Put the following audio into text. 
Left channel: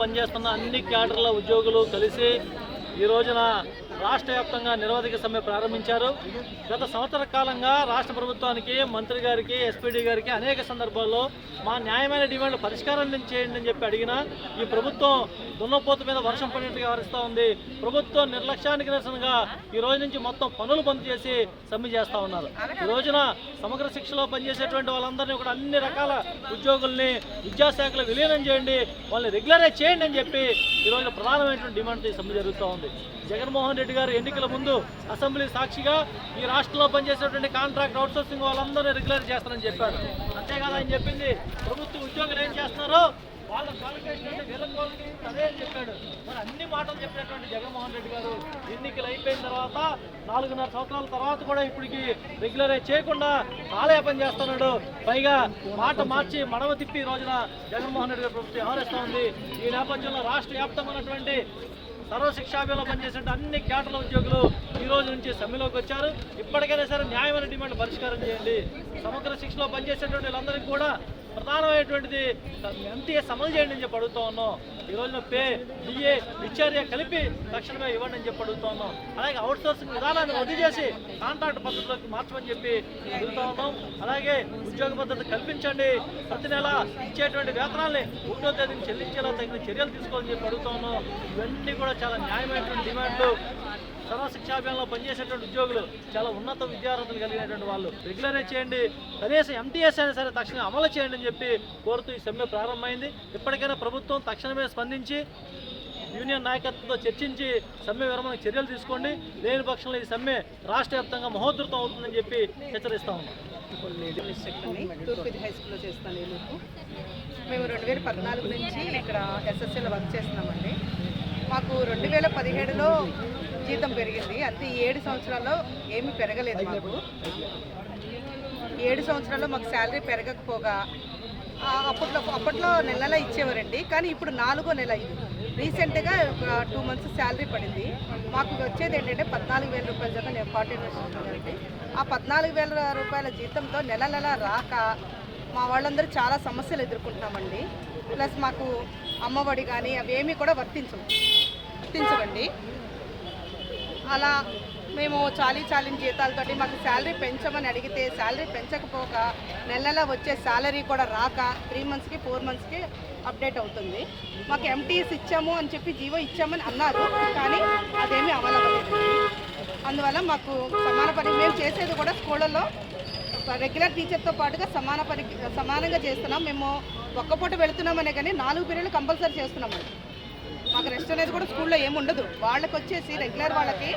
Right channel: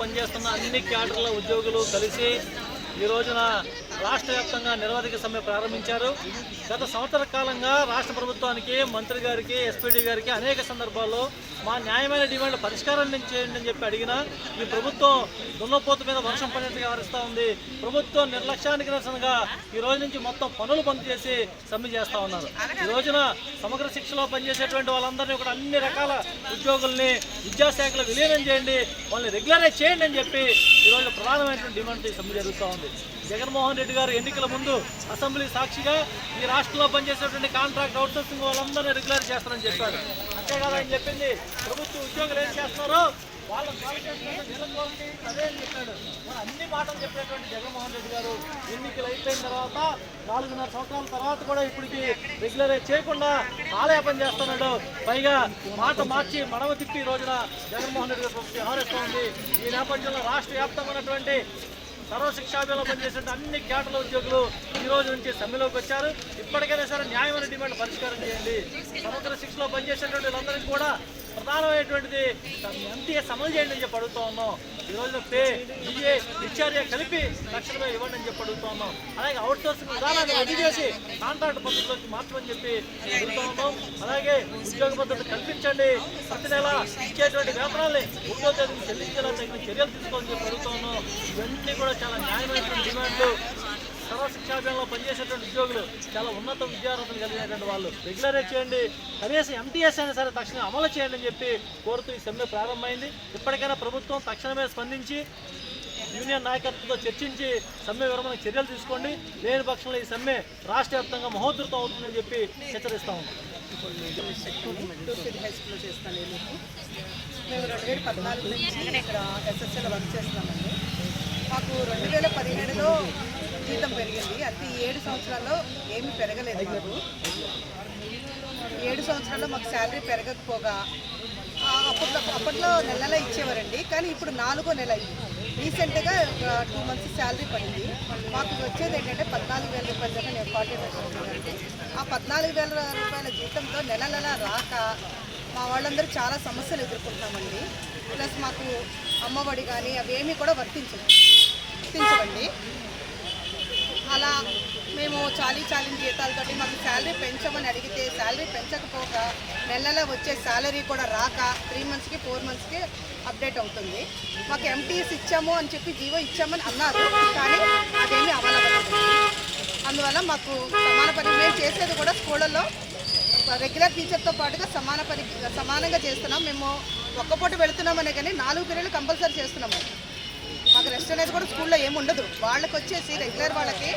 పనిచేస్తున్న అన్ని క్యాడర్ల ఉద్యోగులు కలిసి ఈ రోజున రాష్ట్ర వ్యాప్తంగా నిరవధిక సమ్మె ప్రారంభించారు. గత సంవత్సర కాలంగా రాష్ట్ర ప్రభుత్వానికి, మంత్రి గారికి, ఎస్పీడీ గారికి అనేక సందర్భాల్లో మా న్యాయమైన డిమాండ్లు పరిష్కారం చేయండి అని చెప్పి అడిగినా ఈ ప్రభుత్వం దున్నపోతు మీద వర్షం పడినట్టుగా వ్యవహరిస్తూ ఉంది. ప్రభుత్వం నిర్లక్ష్యానికి నిరసనగా ఈ రోజు నుంచి మొత్తం పనులు బంద్ చేసి సమ్మె చేస్తూ ఉన్నారు. ఈ రోజున సమగ్ర శిక్షలో పనిచేసేటువంటి వాళ్ళందరినీ కూడా అన్ని రకాల ఉద్యోగుల్ని విద్యాశాఖలో విలీనం చేయండి, వాళ్ళని రెగ్యులరైజ్ చేయండి అని చెప్పి ఈరోజు ప్రధానమైనటువంటి డిమాండ్తో సమ్మె జరుగుతూ ఉంది. జగన్మోహన్ రెడ్డి గారు ఎన్నికల ముందు అసెంబ్లీ సాక్షిగా ఈ రాష్ట్రంలో పనిచేసేటువంటి కాంట్రాక్ట్ అవుట్సోర్సింగ్ వాళ్ళందరూ రెగ్యులర్ చేస్తారని చెప్పారు. అంతేకాదు ఆయన చెప్పింది ప్రభుత్వ ఉద్యోగులు ఏం చేస్తున్నారో వాళ్ళ అదే అని చెప్పాడు. మరి అన్ని మాటలు చెప్పినటువంటి జగన్మోహన్ రెడ్డి గారు ఎన్నికలు అయిపోయిన తర్వాత 4.5 సంవత్సరాల తర్వాత కూడా ఇప్పటికి రెగ్యులరైజ్ చేయకుండా కాలయాపన చేస్తున్నాడు. పైగా మాట మార్చి మడవ తిప్పి ఈ రోజున జగన్మోహన్ రెడ్డి గారు ప్రభుత్వం వ్యవహరిస్తూ ఉంది. ఈ నేపథ్యంలో రాష్ట్ర వ్యాప్తంగా ఉన్నటువంటి సర్వశిక్షాభిలో పనిచేసే అన్ని క్యాడర్ల ఉద్యోగులు ఈ రోజు నుంచి సమ్మెలోకి వచ్చారు. ఇప్పటికైనా సరే న్యాయమైన డిమాండ్ పరిష్కారం చేయండి. సమగ్ర శిక్షలో పనిచేసేటువంటి వాళ్ళందరికీ కూడా ప్రధానమైనటువంటిది ఎంటీఎస్ అమలు చేయండి అని చెప్పి అడుగుతూ ఉన్నాం. ఈ రోజున పే, డిఏ, హెచ్ఆర్ఏ కలిపి తక్షణమే ఇవ్వండి అని చెప్పి అడుగుతూ ఉన్నాం. అలాగే అవుట్సోర్సింగ్ విధానాన్ని రద్దు చేసి కాంట్రాక్ట్ పద్ధతిలోకి మార్చమని చెప్పి అడుగుతూ ఉన్నాం. అలాగే ఉద్యోగ పద్ధతి కల్పించండి, ప్రతి నెల ఇచ్చేటువంటి వేతనాల్ని 1వ తేదీని చెల్లించేలా తగిన చర్యలు తీసుకోవాలని చెప్పి అడుగుతూ ఉన్నాం. ఇవన్నీ కూడా చాలా న్యాయమైనటువంటి డిమాండ్లు. సర్వశిక్షాభియానంలో పనిచేసేటువంటి ఉద్యోగులు చాలా ఉన్నత విద్యార్హతలు కలిగినటువంటి వాళ్ళు రెగ్యులరైజ్ చేయండి, కనీసం ఎంటీఎస్ అయినా సరే తక్షణమే అమలు చేయండి అని చెప్పి కోరుతూ ఈ సమ్మె ప్రారంభమైంది. ఇప్పటికైనా ప్రభుత్వం తక్షణమే స్పందించి యూనియన్ నాయకత్వంతో చర్చించి సమ్మె విరమణ చర్యలు తీసుకోండి. లేని పక్షంలో ఈ సమ్మె రాష్ట్ర వ్యాప్తంగా మహోధృతం అవుతుందని చెప్పి హెచ్చరిస్తా ఉన్నాం. హై స్కూల్లో చేస్తాను. మేము 2014 నుంచి ఇక్కడ ఎస్ఎస్ఎల్ వర్క్ చేస్తున్నామండి. మాకు 2017లో జీతం పెరిగింది. అది 7 సంవత్సరాల్లో ఏమీ పెరగలేదు. మాకు 7 సంవత్సరాల్లో మాకు శాలరీ పెరగకపోగా అప్పట్లో నెల ఇచ్చేవారండి. కానీ ఇప్పుడు 4వ నెల రీసెంట్గా 2 మంత్స్ శాలరీ పడింది. మాకు వచ్చేది ఏంటంటే 14,000 రూపాయల దాకా నేను 40 అండి. ఆ 14,000 రూపాయల జీతంతో నెల రాక మా వాళ్ళందరూ చాలా సమస్యలు ఎదుర్కొంటున్నామండి. ప్లస్ మాకు అమ్మఒడి కానీ అవేమీ కూడా వర్తించవండి. అలా మేము చాలీన జీతాలతోటి మాకు శాలరీ పెంచమని అడిగితే శాలరీ పెంచకపోగా నెలలా వచ్చే శాలరీ కూడా రాక 3 మంత్స్కి 4 మంత్స్కి అప్డేట్ అవుతుంది. మాకు ఎంటీఎస్ ఇచ్చాము అని చెప్పి జీవో ఇచ్చామని అన్నారు, కానీ అదేమీ అమలవ్వలేదు. అందువల్ల మాకు మేము చేసేది కూడా స్కూళ్ళల్లో రెగ్యులర్ టీచర్తో పాటుగా సమానంగా చేస్తున్నాం. మేము ఒక్కపూట వెళుతున్నామనే కానీ 4 పీరియడ్లు కంపల్సరీ చేస్తున్నామండి. మాకు రెస్ట్ అనేది కూడా స్కూల్లో ఏముండదు. వాళ్ళకి వచ్చేసి రెగ్యులర్ వాళ్ళకి